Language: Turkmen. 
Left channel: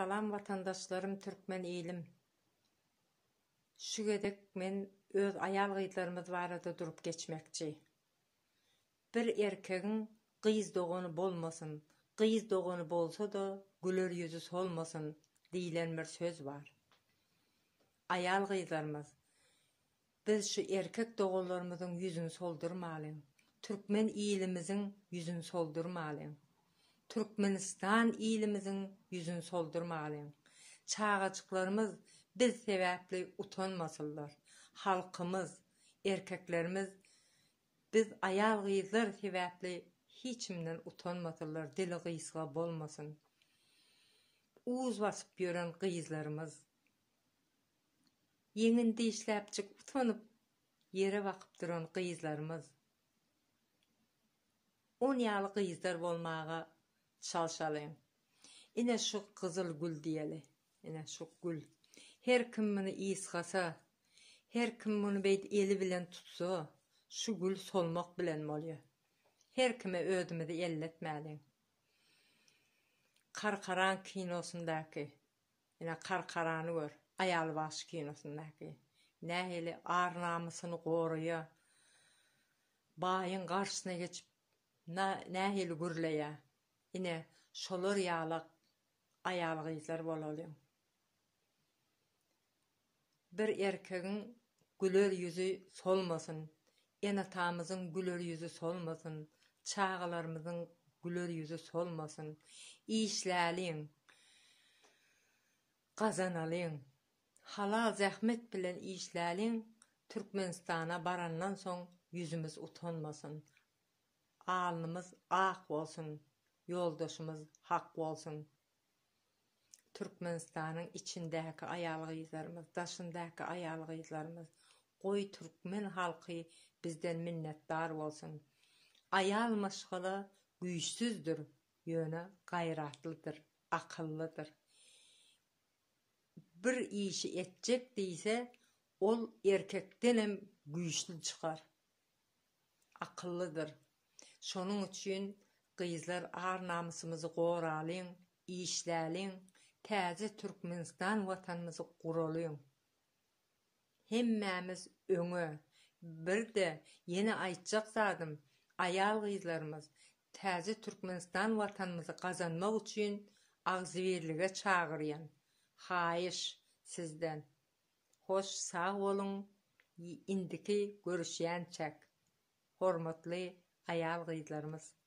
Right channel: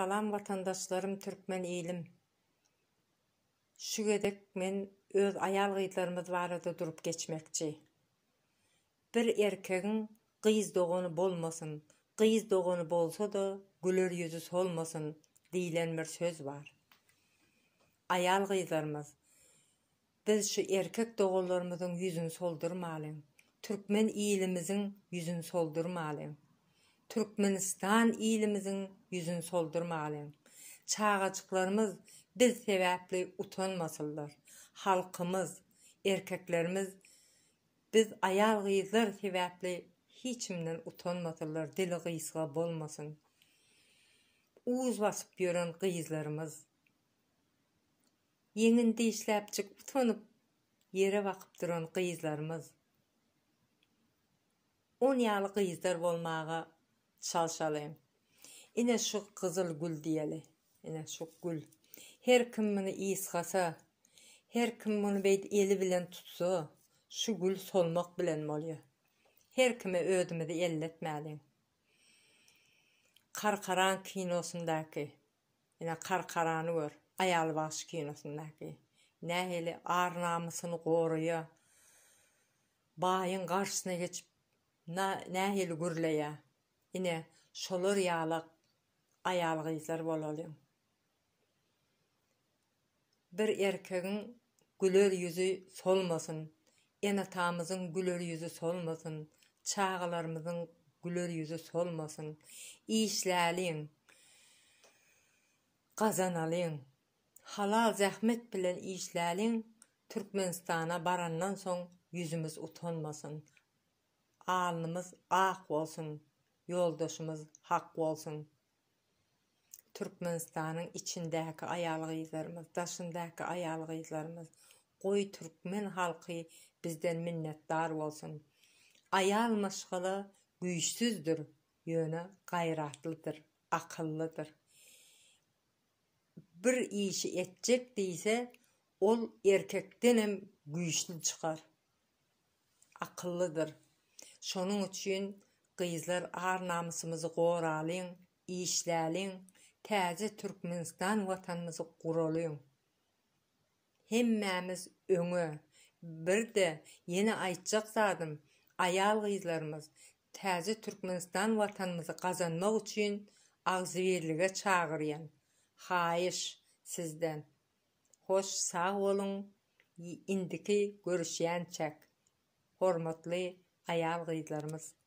Salam vatandaşlarım, Türkmen elim. Şu gedek men öz ayal gıytlarımız barada durup geçmekçi. Bir erkeğin kıyız doğunu bolmasın, kıyız doğunu bolsa da güler yüzü solmasın diýilen bir söz var. Ayal gıytlarımız, biz şu erkek doğullarımızın yüzünü soldurmalıyım. Türkmen ilimizin yüzünü soldurmalıyım. Türkmenistan ilimizin yüzünü soldurmalıyım. Çağaçıklarımız biz sebäpli utanmasınlar. Halkımız, erkeklerimiz biz ayal gıyızlar sebäpli hiçimden utanmasınlar. Dili gıyısga bolmasın. Uuz basıp ýören gıyızlarımız yeňinde işläpçik utanyp yere bakyp duran gıyızlarımız 10 ýaly gıyızlar bolmaga çalışalım. Ine şu kızıl gül diýeli. Ine şu gül. Her kim muny ýysgasa, her kim muny beýdi eli bilen tutsa, şu gül solmak bilen bolýar. Her kime ödümidi elletmäli. Karkaran kinosundaky, ine Karkarany gör, Ayal baş kinosundaky. Nähili ar namysyny goruýa, baýyň garşysyna geçip nähili gürleýä. Ine şolar ýaly ayal gyzlar bolalym. Bir erkegiň güler yüzü solmasın, enatamyzyň güler yüzü solmasın, çağalarymyzyň güler yüzü solmasın. İşläliň, gazanalyň, halal zähmet bilen işläliň. Türkmenistana barandan soň yüzümüz utanmasın. Alnymyz ak bolsun, yoldaşymyz hak bolsun. Türkmenistanyň içindäki ayal gyzlarymyz, daşyndaky ayal gyzlarymyz, goý türkmen halky bizden minnetdar bolsun. Ayal maşgala güýçsüzdür, ýöne gaýratlydyr, akyllydyr. Bir işi etjek diýse, ol erkekdenem güýçlü çykar. Akyllydyr. Şonuň üçin gyzlar ar namysymyzy goralyň, işläliň, täze Türkmenistan watanymyzy guralyň. Hemmämiz öňe. Bir de ýene aýtjak zadym, ayal gyzlarymyz täze Türkmenistan watanymyzy gazanmak üçin agzybirlige çagyrýan. Haýyş sizden. Hoş sağ bolun. Indiki görüşýänçek. Hormatly ayal gyzlarymyz.